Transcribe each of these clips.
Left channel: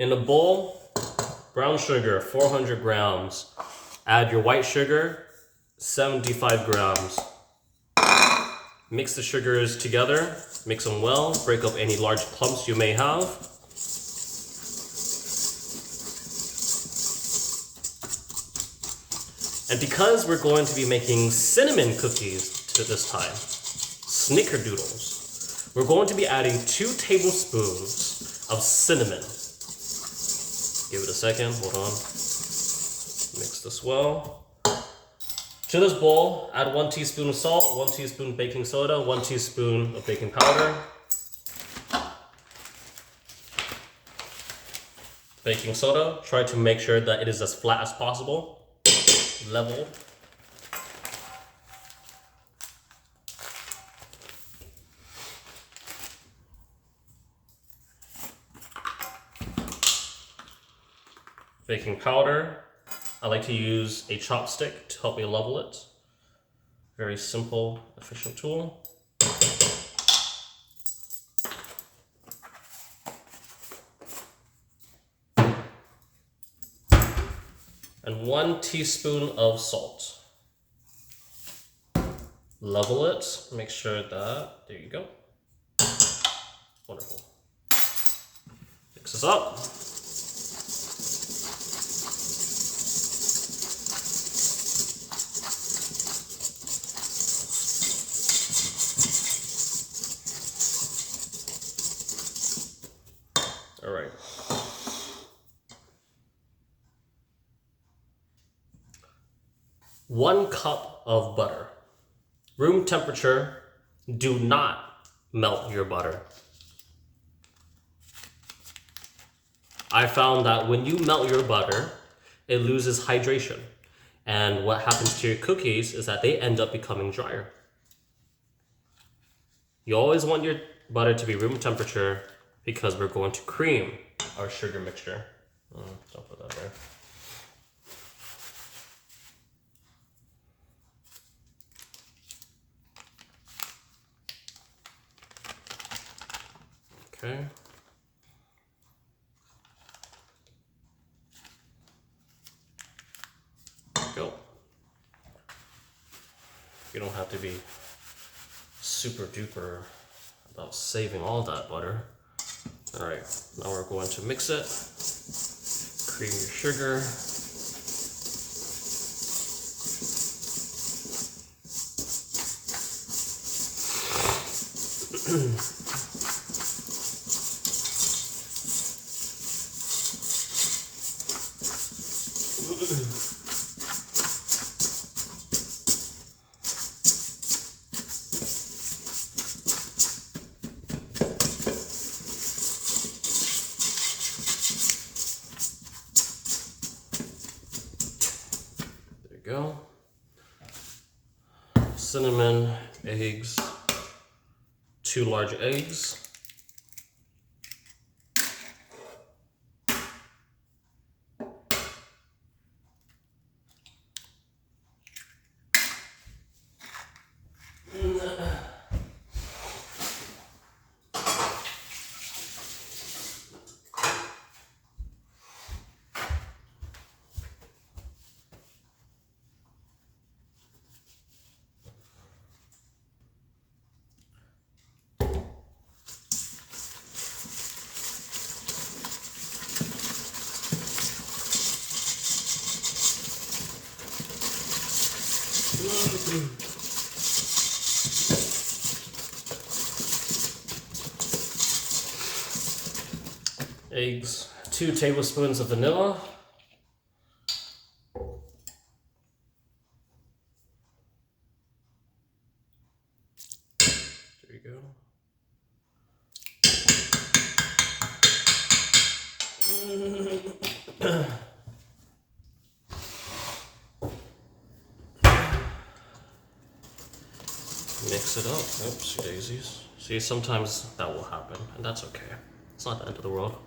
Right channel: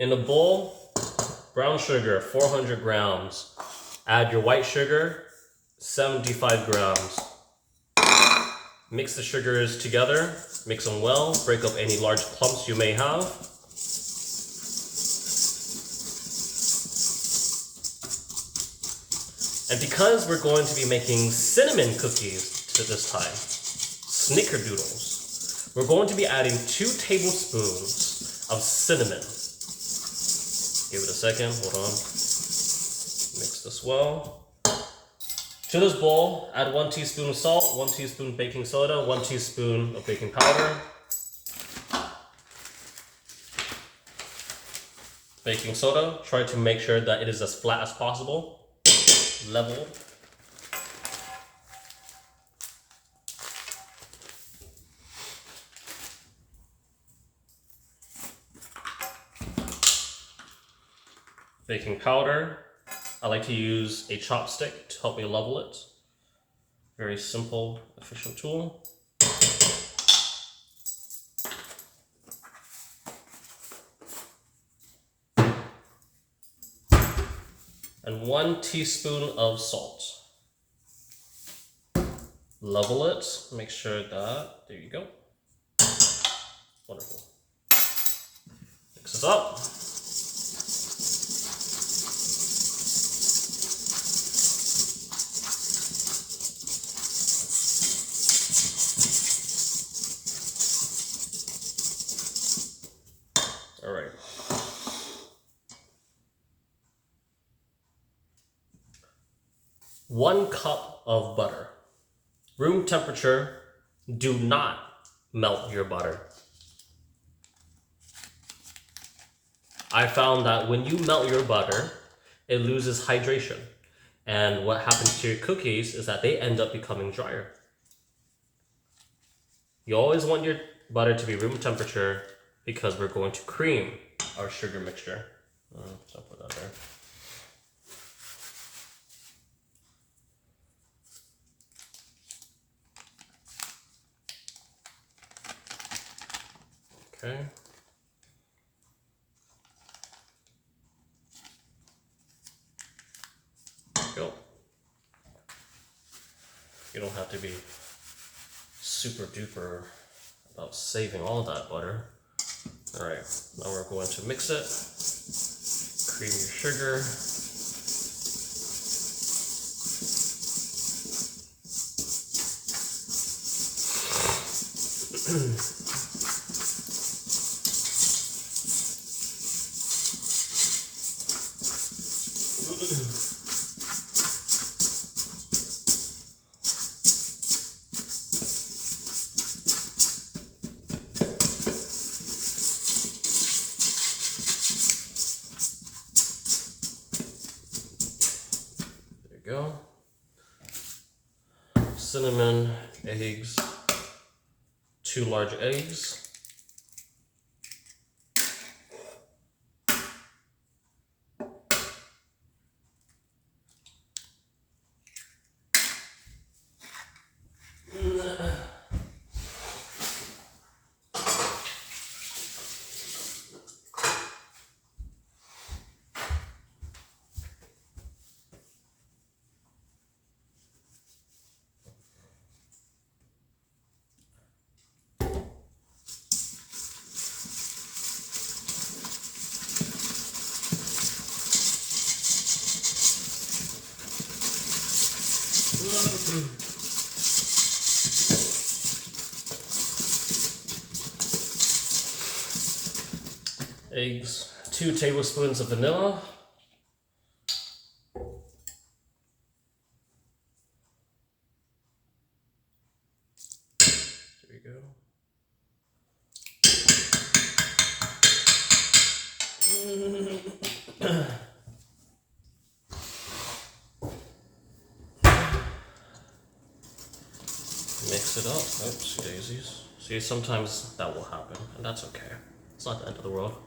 In a bowl, brown sugar, 400 grams. Add your white sugar, 75 grams. Mix the sugars together, mix them well, break up any large clumps you may have. And because we're going to be making cinnamon cookies to this time, snickerdoodles, we're going to be adding 2 tablespoons of cinnamon. Give it a second, hold on. Mix this well. To this bowl, add 1 teaspoon of salt, 1 teaspoon baking soda, 1 teaspoon of baking powder. Baking soda, try to make sure that it is as flat as possible. Level. Baking powder. I like to use a chopstick to help me level it. Very simple, efficient tool. And 1 teaspoon of salt. Level it, make sure that, there you go. Wonderful. Mix this up. All right. One cup of butter. Room temperature, do not melt your butter. I found that when you melt your butter, it loses hydration. And what happens to your cookies is that they end up becoming drier. You always want your butter to be room temperature because we're going to cream our sugar mixture. Don't put that there. Okay. Go. You don't have to be super duper about saving all that butter. All right, now we're going to mix it. Cream your sugar. Go. Cinnamon, eggs, 2 large eggs. Eggs, 2 tablespoons of vanilla. There you go. Mix it up. Oops, daisies. See, sometimes that will happen, and that's okay. It's not the end of the world.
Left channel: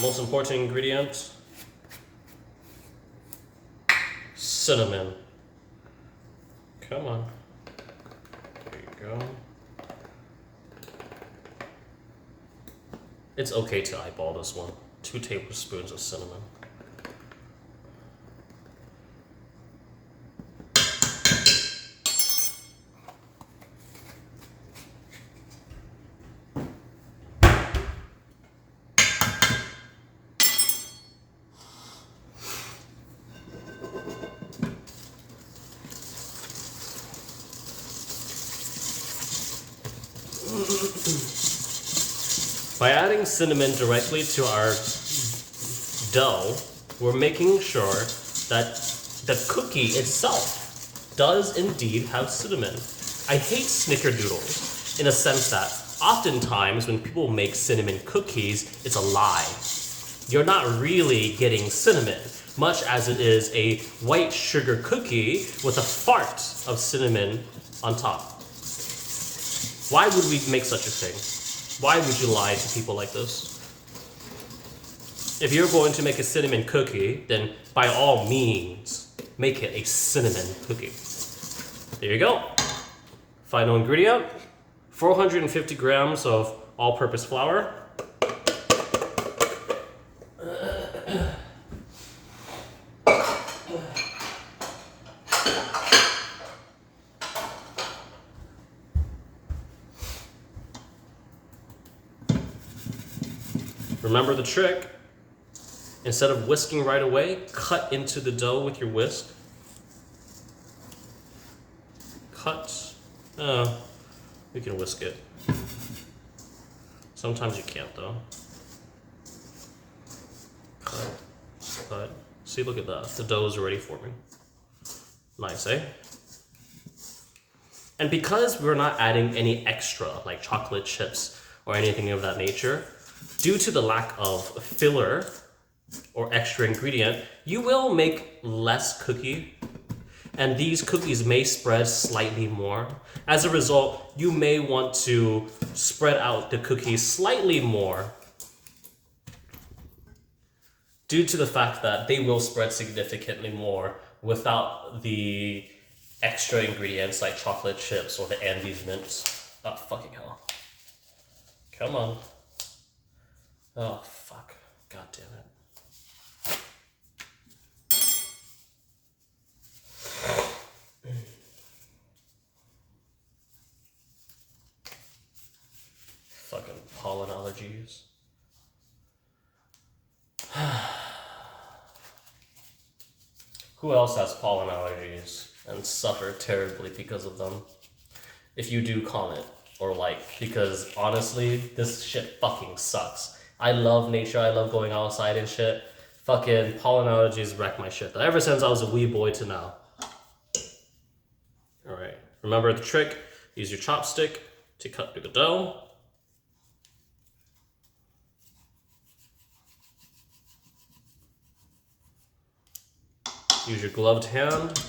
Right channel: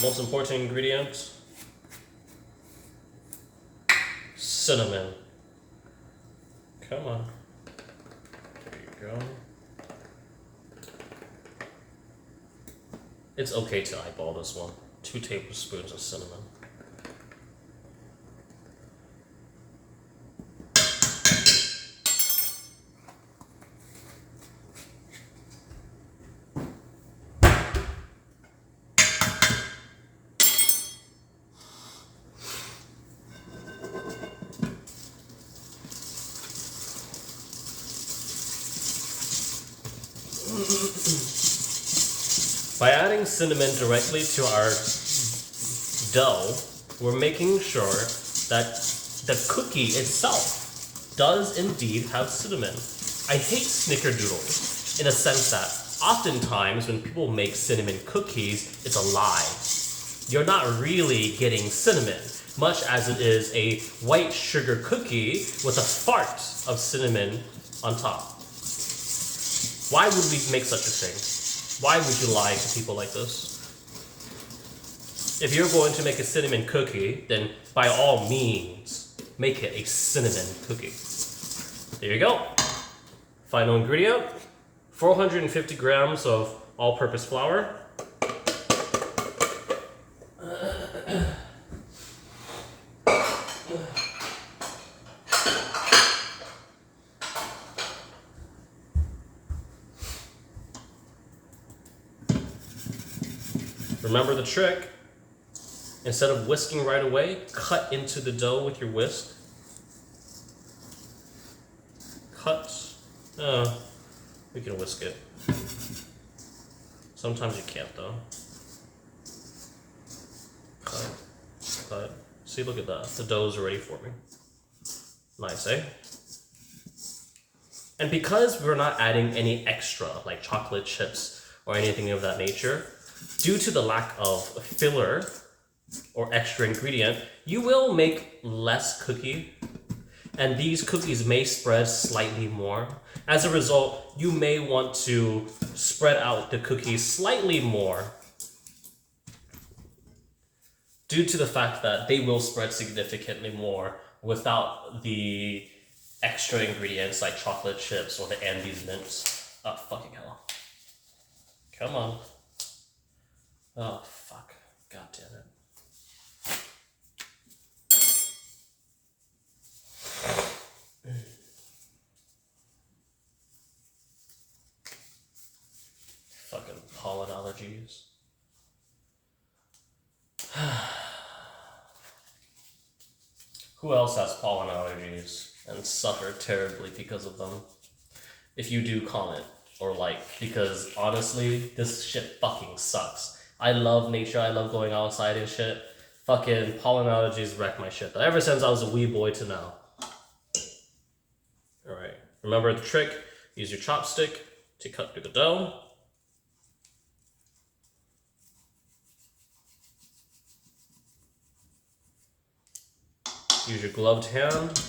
Most important ingredient, cinnamon. Come on. There you go. It's okay to eyeball this one. 2 tablespoons of cinnamon. By adding cinnamon directly to our dough, we're making sure that the cookie itself does indeed have cinnamon. I hate snickerdoodles in a sense that oftentimes when people make cinnamon cookies, it's a lie. You're not really getting cinnamon, much as it is a white sugar cookie with a fart of cinnamon on top. Why would we make such a thing? Why would you lie to people like this? If you're going to make a cinnamon cookie, then by all means, make it a cinnamon cookie. There you go. Final ingredient, 450 grams of all-purpose flour. Remember the trick. Instead of whisking right away, cut into the dough with your whisk. Cut. We can whisk it. Sometimes you can't though. Cut. See, look at that. The dough is ready for me. Nice, eh? And because we're not adding any extra, like chocolate chips or anything of that nature, due to the lack of filler or extra ingredient, you will make less cookie, and these cookies may spread slightly more. As a result, you may want to spread out the cookies slightly more due to the fact that they will spread significantly more without the extra ingredients like chocolate chips or the Andes mints. Oh, fucking hell. Come on. Oh, fuck. God damn it. Fucking pollen allergies. Who else has pollen allergies and suffer terribly because of them? If you do, comment or like, because honestly, this shit fucking sucks. I love nature, I love going outside and shit. Fucking pollen allergies wreck my shit though. Ever since I was a wee boy to now. Alright, remember the trick. Use your chopstick to cut through the dough. Use your gloved hand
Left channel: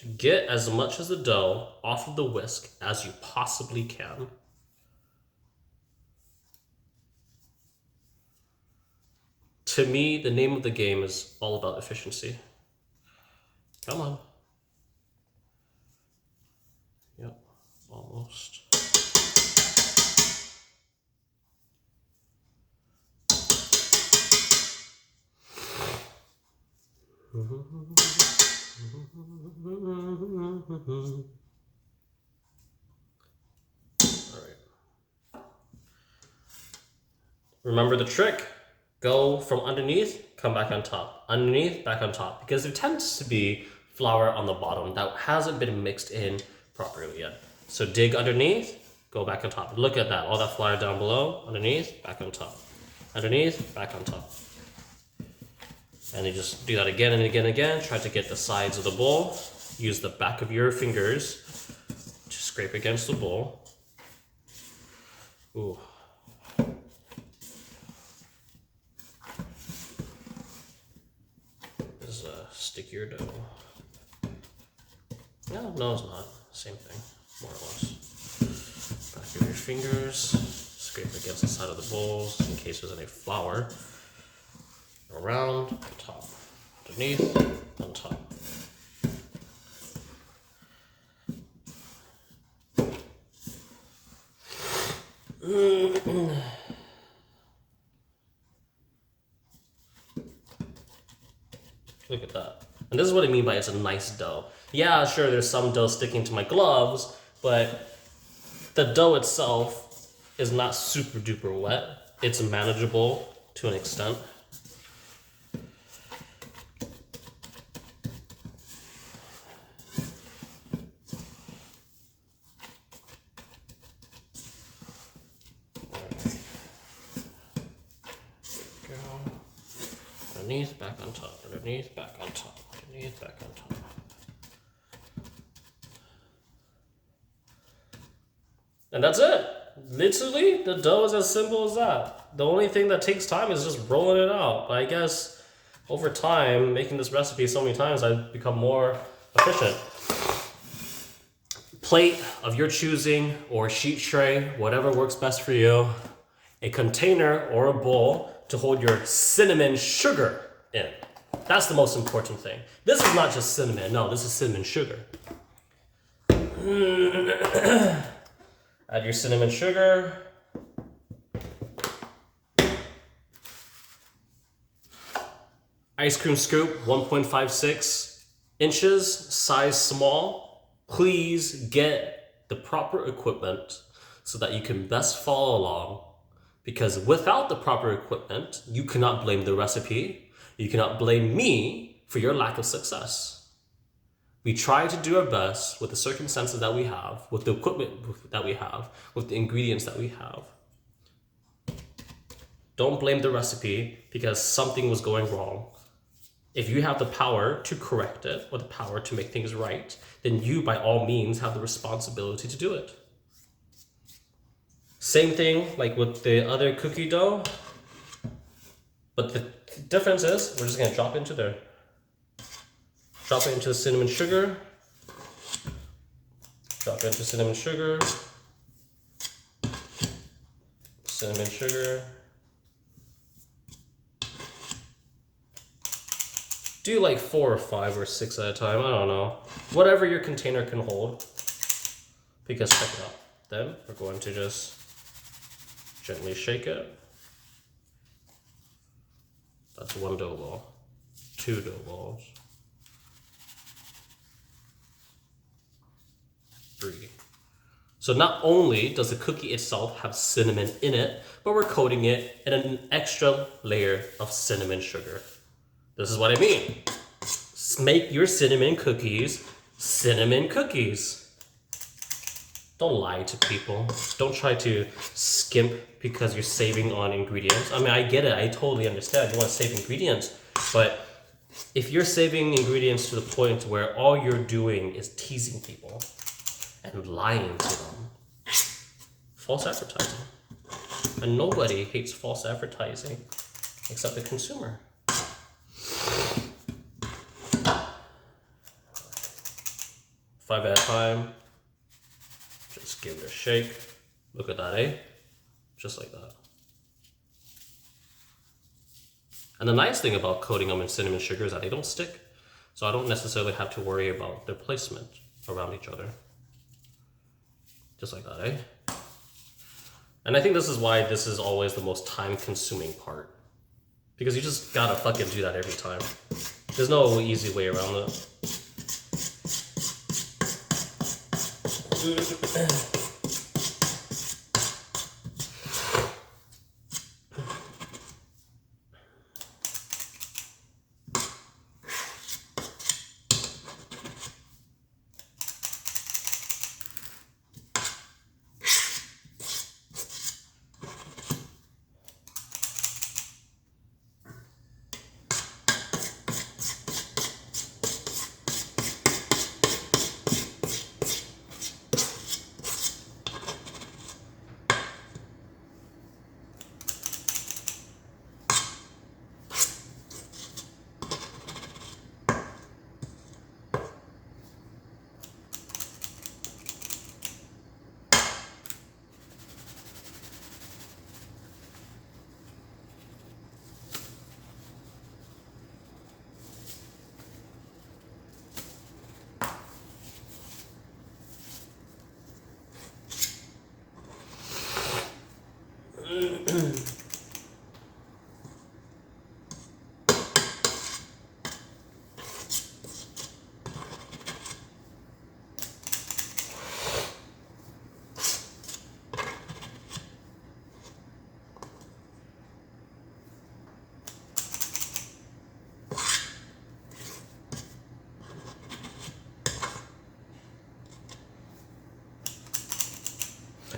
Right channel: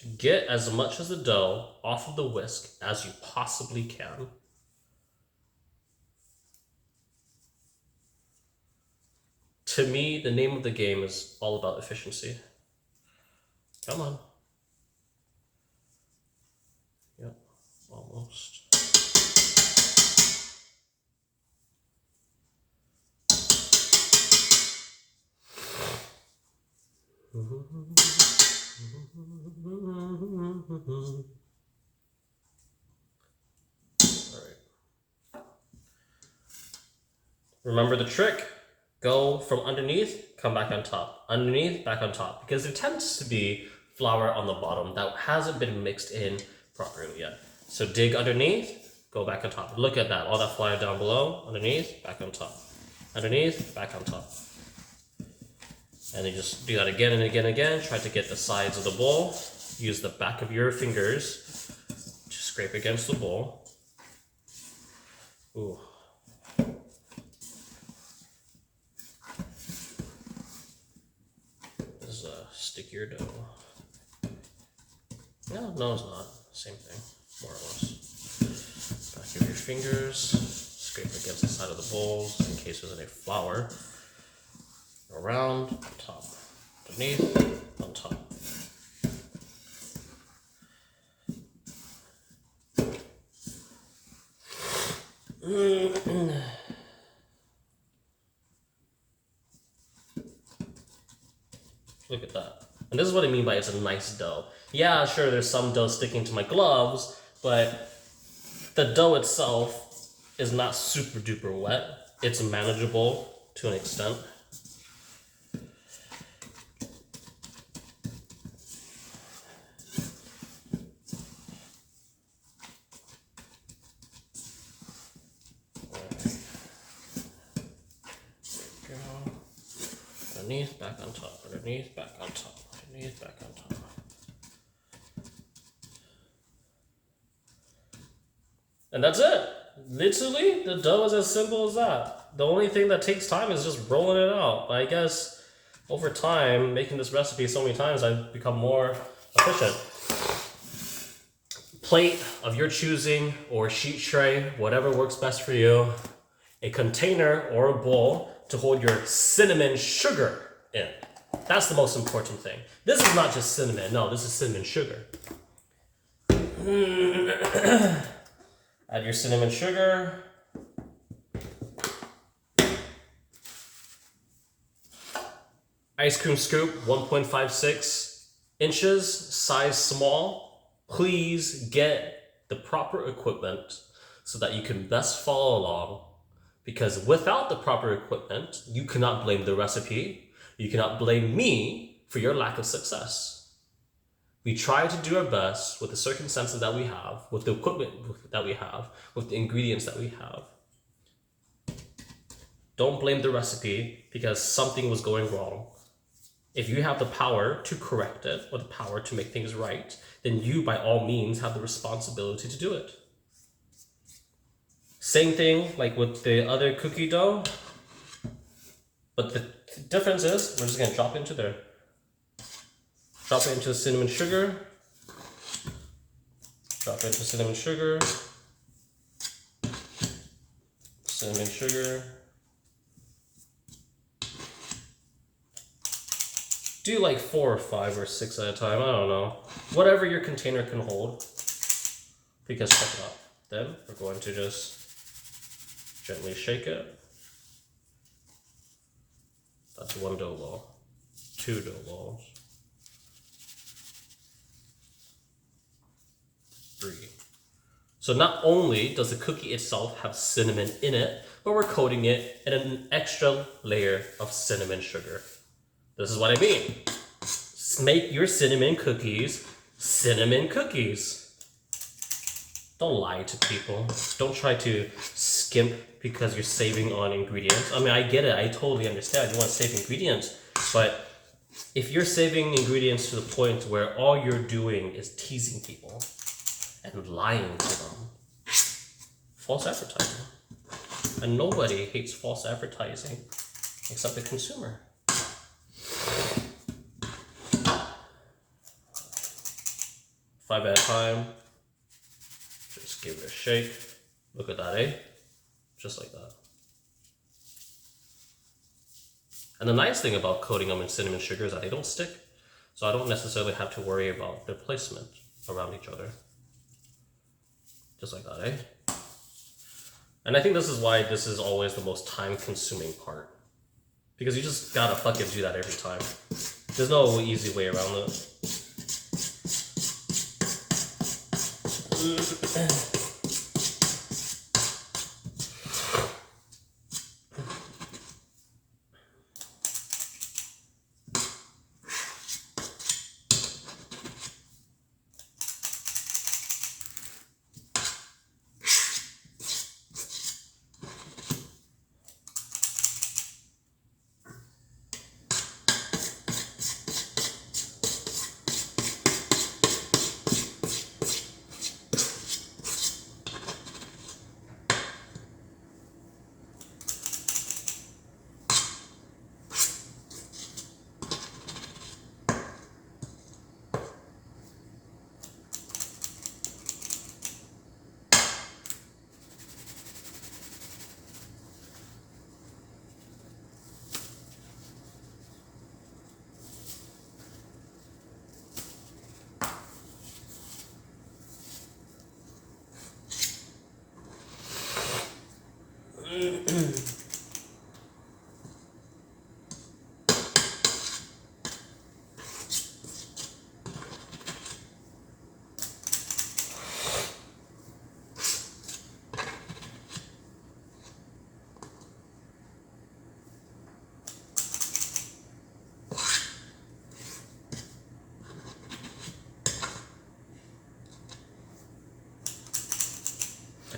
to get as much of the dough off of the whisk as you possibly can. To me, the name of the game is all about efficiency. Come on. Yep, almost. Alright. Remember the trick. Go from underneath, come back on top. Underneath, back on top. Because there tends to be flour on the bottom that hasn't been mixed in properly yet. So dig underneath, go back on top. Look at that, all that flour down below, underneath, back on top. Underneath, back on top. And you just do that again and again and again. Try to get the sides of the bowl. Use the back of your fingers to scrape against the bowl. Ooh. This is a stickier dough. No, it's not. Same thing, more or less. Back of your fingers. Scrape against the side of the bowls in case there's any flour. Around, on top, underneath, on top. Look at that. And this is what I mean by it's a nice dough. Yeah, sure, there's some dough sticking to my gloves, but the dough itself is not super duper wet. It's manageable to an extent. Underneath, back on top, underneath, back on top, underneath, back on top. And that's it. Literally, the dough is as simple as that. The only thing that takes time is just rolling it out. I guess over time, making this recipe so many times, I've become more efficient. Plate of your choosing or sheet tray, whatever works best for you. A container or a bowl to hold your cinnamon sugar in. That's the most important thing. This is not just cinnamon. No, this is cinnamon sugar. Add your cinnamon sugar. Ice cream scoop, 1.56 inches, size small. Please get the proper equipment so that you can best follow along. Because without the proper equipment, you cannot blame the recipe. You cannot blame me for your lack of success. We try to do our best with the circumstances that we have, with the equipment that we have, with the ingredients that we have. Don't blame the recipe because something was going wrong. If you have the power to correct it or the power to make things right, then you, by all means, have the responsibility to do it. Same thing like with the other cookie dough, but the difference is we're just gonna drop into there. Drop it into the cinnamon sugar. Drop it into cinnamon sugar. Cinnamon sugar. Do like 4 or 5 or 6 at a time, I don't know. Whatever your container can hold. Because check it out. Then we're going to just gently shake it. That's 1 dough ball. 2 dough balls. 3. So not only does the cookie itself have cinnamon in it, but we're coating it in an extra layer of cinnamon sugar. This is what I mean. Make your cinnamon cookies cinnamon cookies. Don't lie to people. Don't try to skimp because you're saving on ingredients. I mean, I get it. I totally understand. You want to save ingredients. But if you're saving ingredients to the point where all you're doing is teasing people and lying to them, false advertising. And nobody hates false advertising except the consumer. 5 at a time. Just give it a shake. Look at that, eh? Just like that. And the nice thing about coating them in cinnamon sugar is that they don't stick. So I don't necessarily have to worry about their placement around each other. Just like that, eh? And I think this is why this is always the most time-consuming part. Because you just gotta fucking do that every time. There's no easy way around it.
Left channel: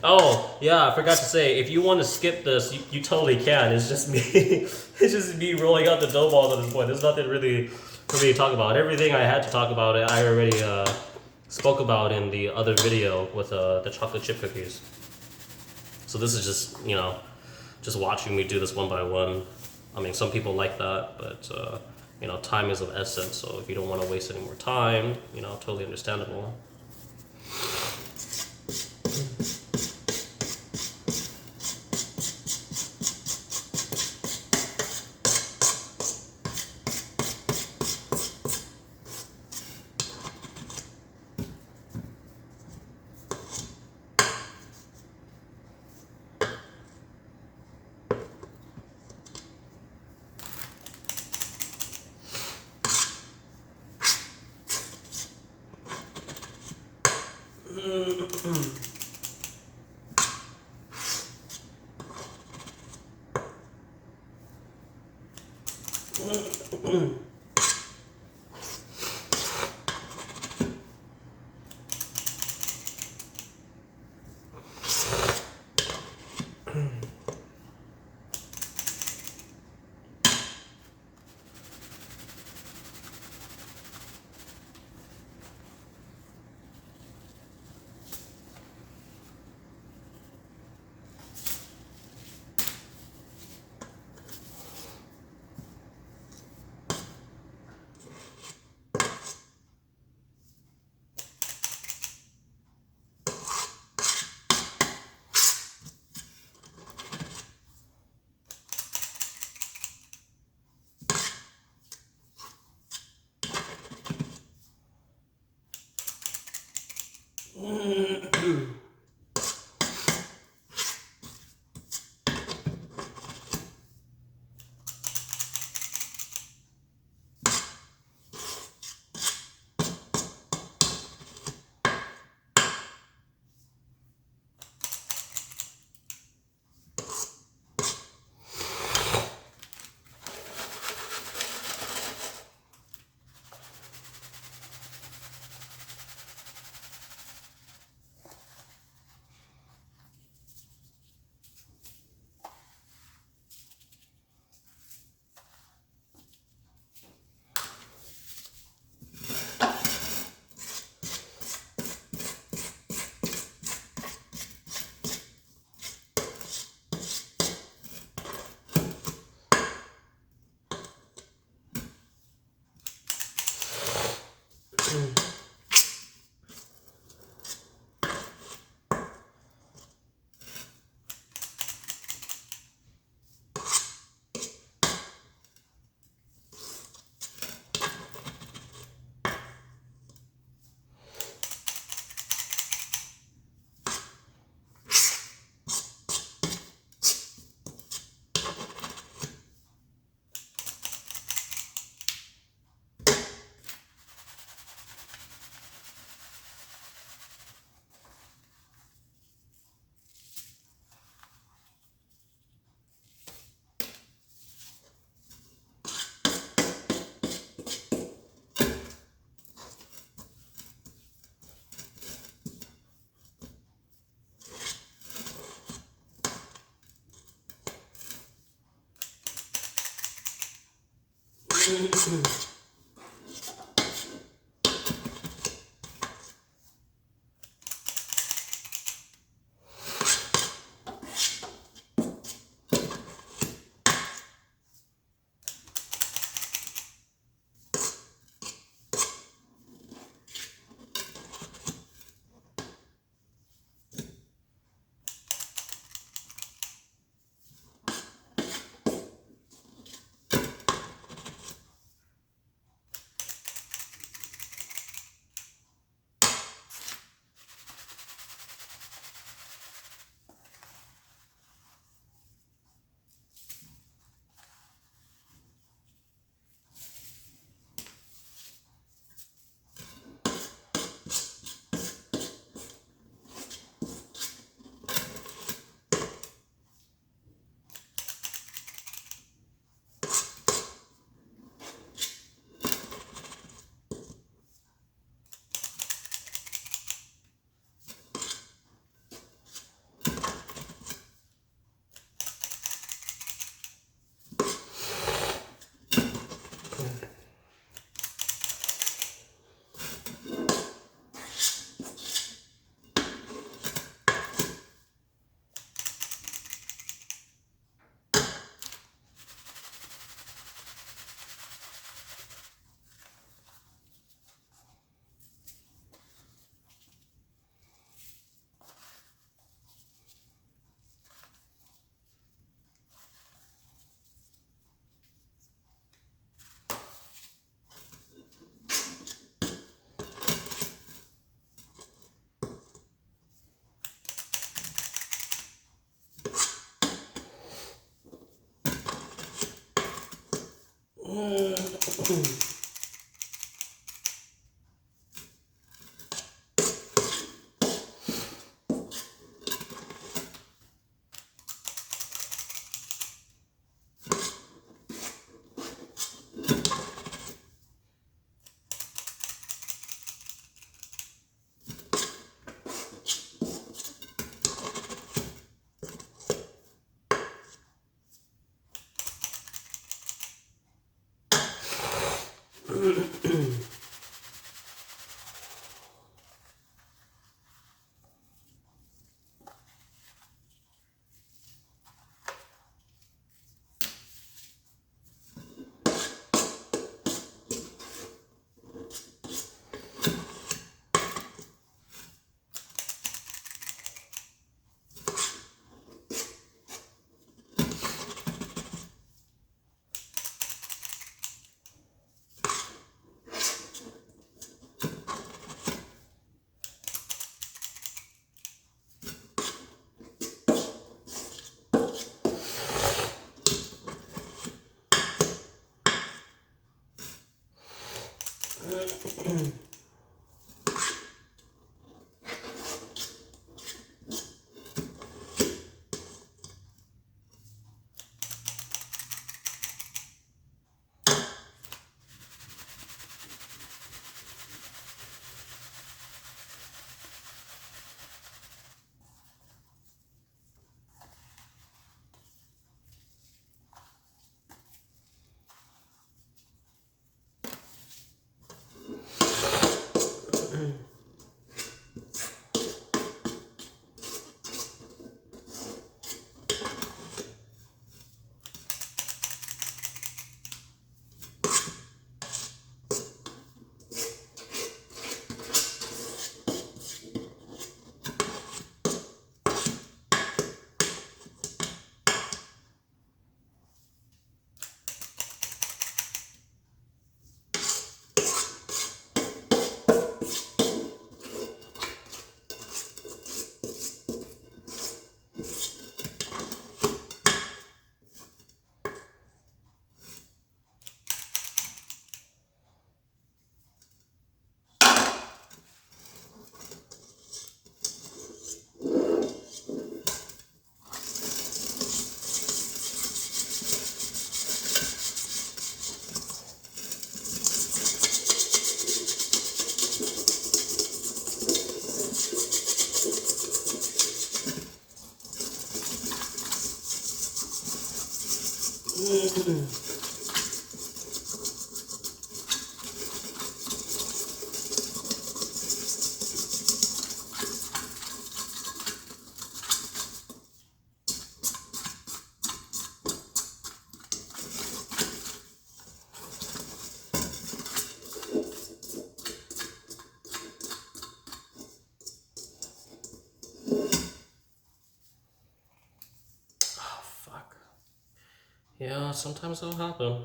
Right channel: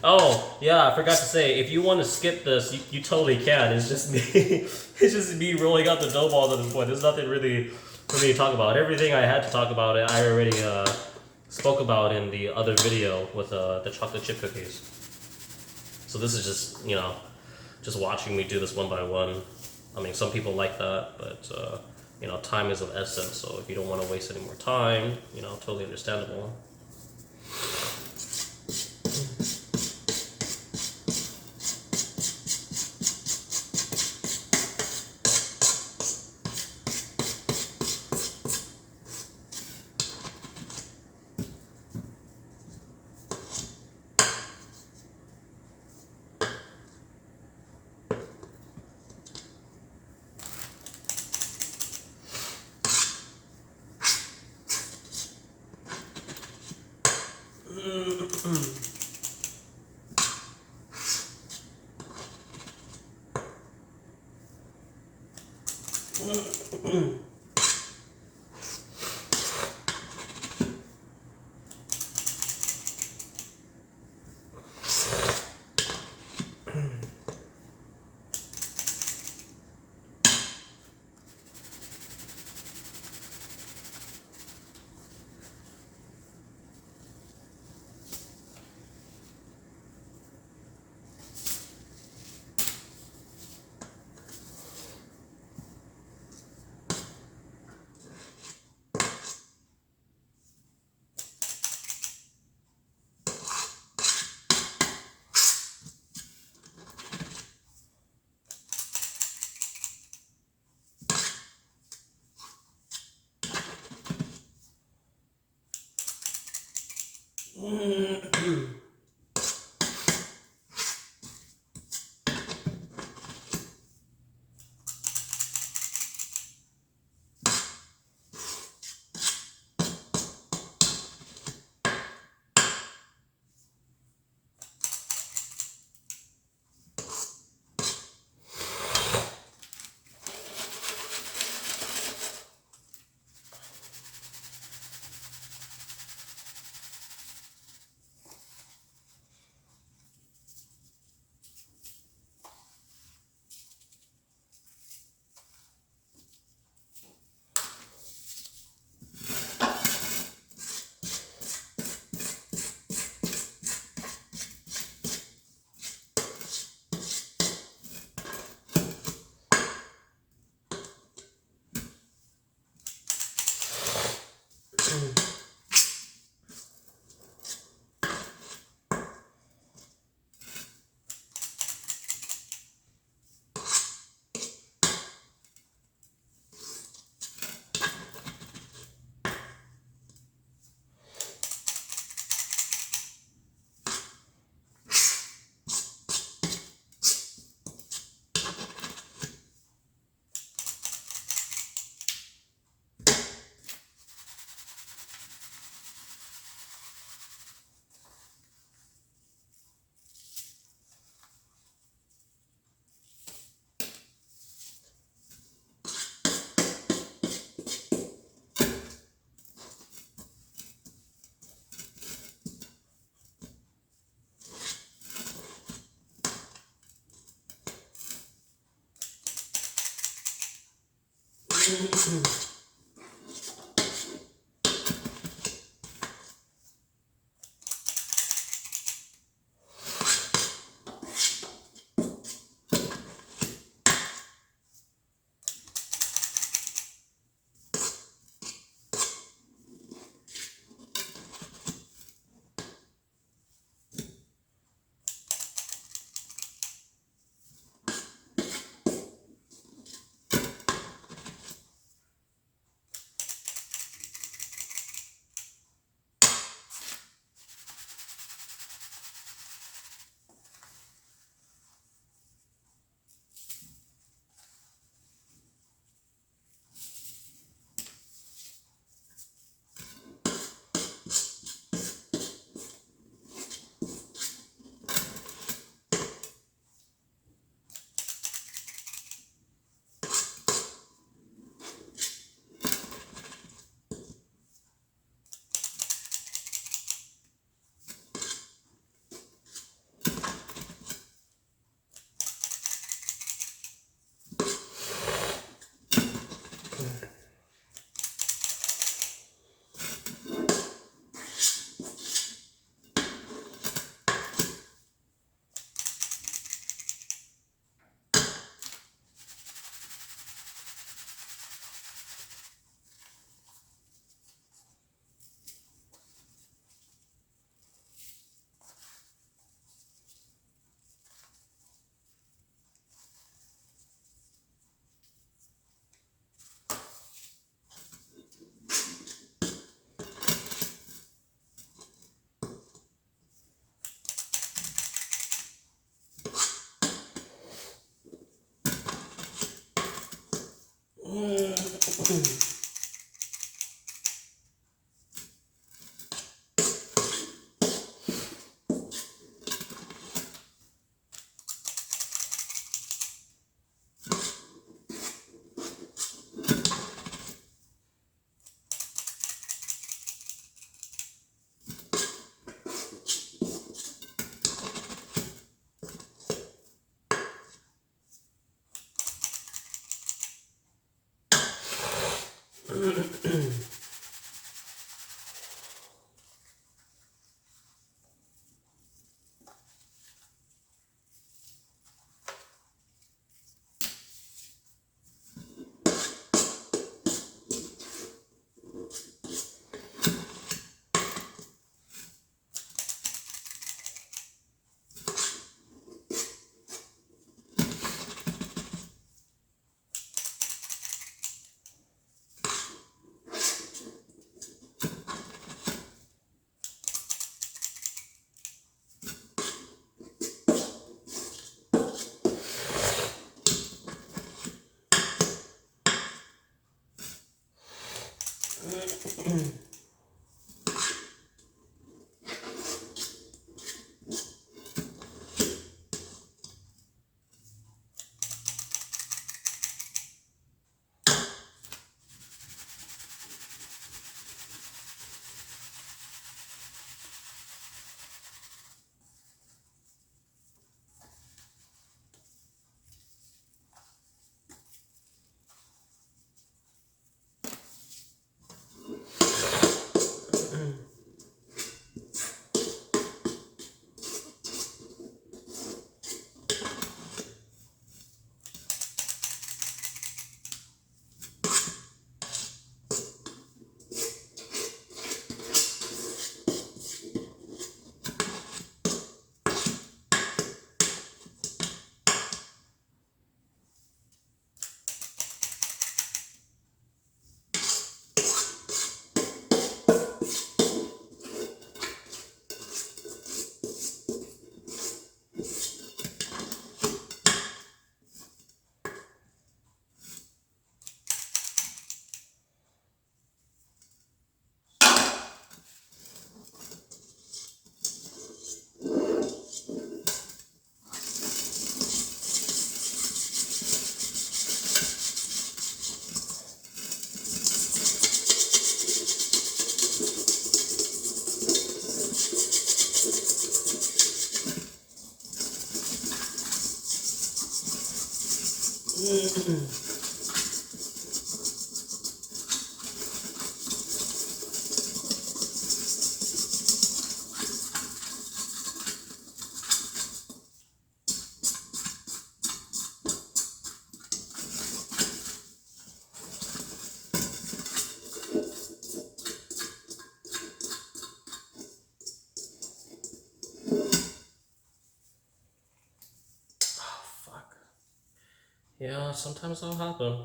Oh, yeah, I forgot to say, if you want to skip this, you totally can. It's just me. It's just me rolling out the dough balls at this point. There's nothing really for me to talk about. Everything I had to talk about, I already spoke about in the other video with the chocolate chip cookies. So this is just, just watching me do this one by one. I mean, some people like that, but, time is of essence. So if you don't want to waste any more time, totally understandable. Yeah, sometimes that'll happen.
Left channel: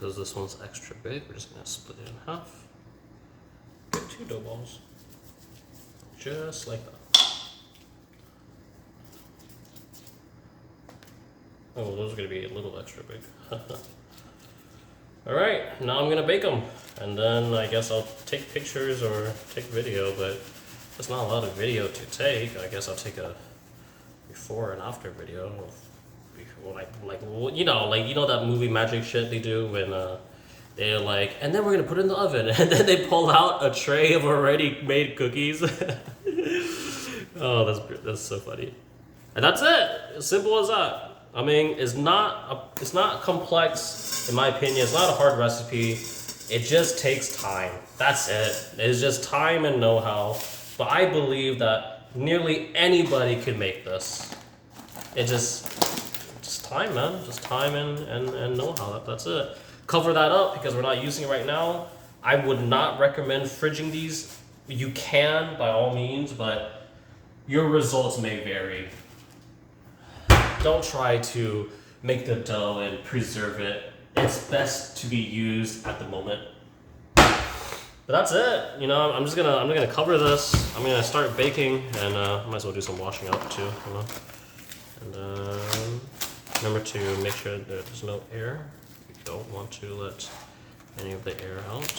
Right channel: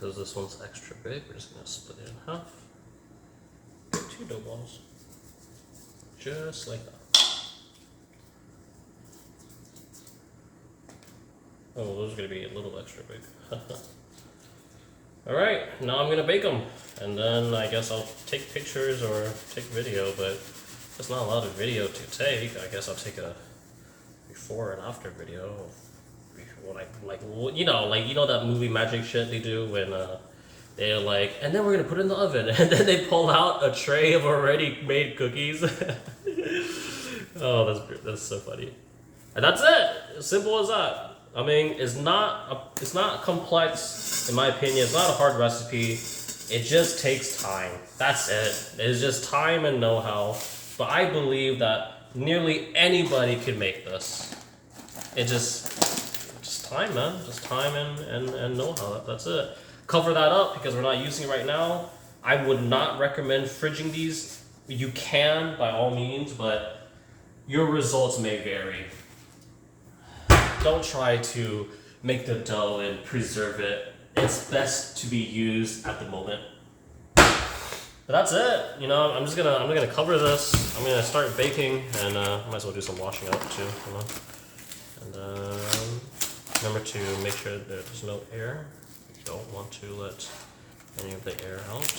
Because this one's extra big, we're just gonna split it in half. Get 2 dough balls. Just like that. Oh, those are gonna be a little extra big. Alright, now I'm gonna bake them. And then I guess I'll take pictures or take video, but there's not a lot of video to take. I guess I'll take a before and after video. Like you know that movie magic shit they do when they're like, and then we're gonna put it in the oven, and then they pull out a tray of already made cookies. Oh, that's so funny. And that's it. As simple as that. I mean, it's not complex in my opinion. It's not a hard recipe. It just takes time. That's it. It's just time and know-how. But I believe that nearly anybody can make this. It just time, man. Just time and know-how. That's it. Cover that up because we're not using it right now. I would not recommend fridging these. You can by all means, but your results may vary. Don't try to make the dough and preserve it. It's best to be used at the moment. But that's it. You know, I'm gonna cover this. I'm gonna start baking, and might as well do some washing up too. You know, and remember to make sure that there's no air. You don't want to let any of the air out.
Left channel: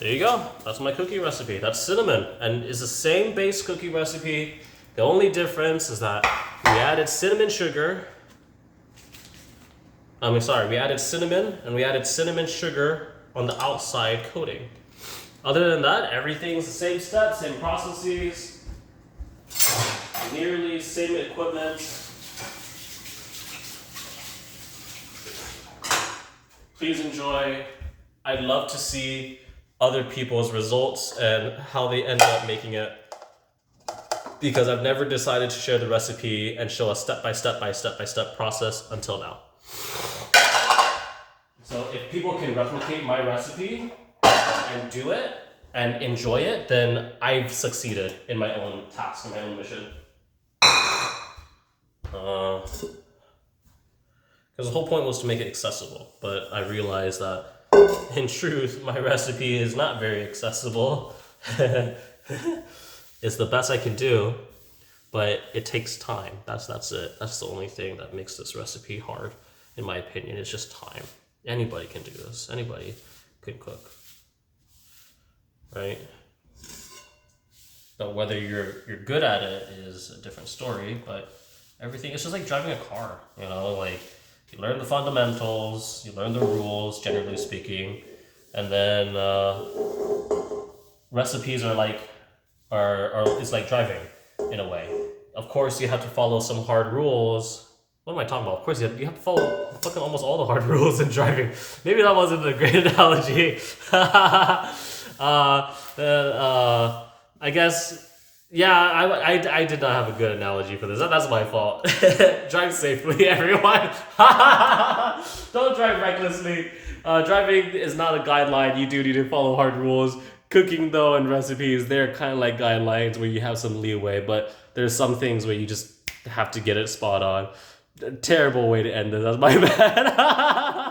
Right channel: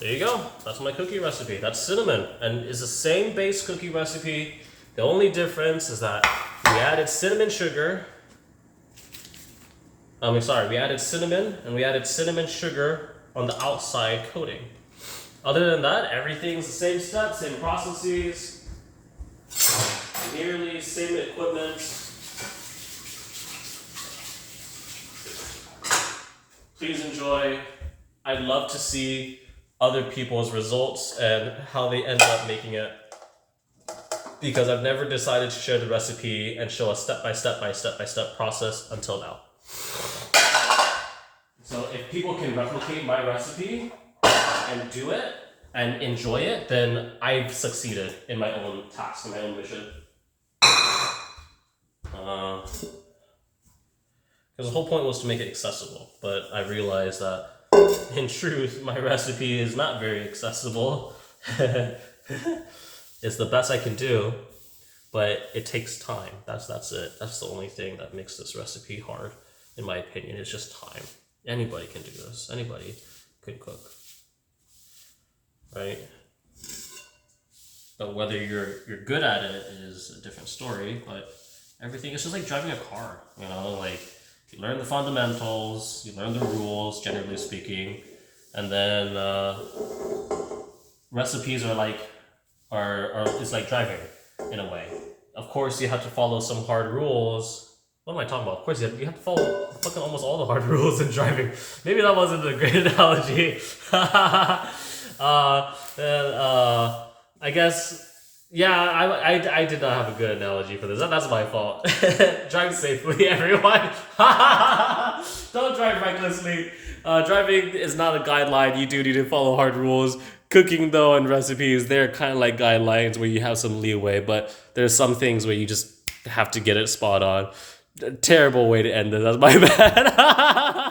There you go. That's my cookie recipe. That's cinnamon, and it's the same base cookie recipe. The only difference is that we added cinnamon sugar. We added cinnamon, and we added cinnamon sugar on the outside coating. Other than that, everything's the same steps, same processes, nearly same equipment. Please enjoy. I'd love to see other people's results and how they end up making it, because I've never decided to share the recipe and show a step-by-step process until now. So if people can replicate my recipe and do it and enjoy it, then I've succeeded in my own task, in my own mission. Because the whole point was to make it accessible, but I realized that in truth, my recipe is not very accessible. It's the best I can do, but it takes time. That's it. That's the only thing that makes this recipe hard, in my opinion. It's just time. Anybody can do this. Anybody can cook, right? But whether you're good at it is a different story. But everything, it's just like driving a car. You know, like you learn the fundamentals, you learn the rules, generally speaking, and then recipes it's like driving in a way. Of course, you have to follow some hard rules. What am I talking about? Of course, you have to follow fucking almost all the hard rules in driving. Maybe that wasn't a great analogy. I guess, yeah, I did not have a good analogy for this. That's my fault. Drive safely, everyone. Don't drive recklessly. Driving is not a guideline. You do need to follow hard rules. Cooking, though, and recipes, they're kind of like guidelines where you have some leeway, but there's some things where you just have to get it spot on. Terrible way to end this. That's my bad.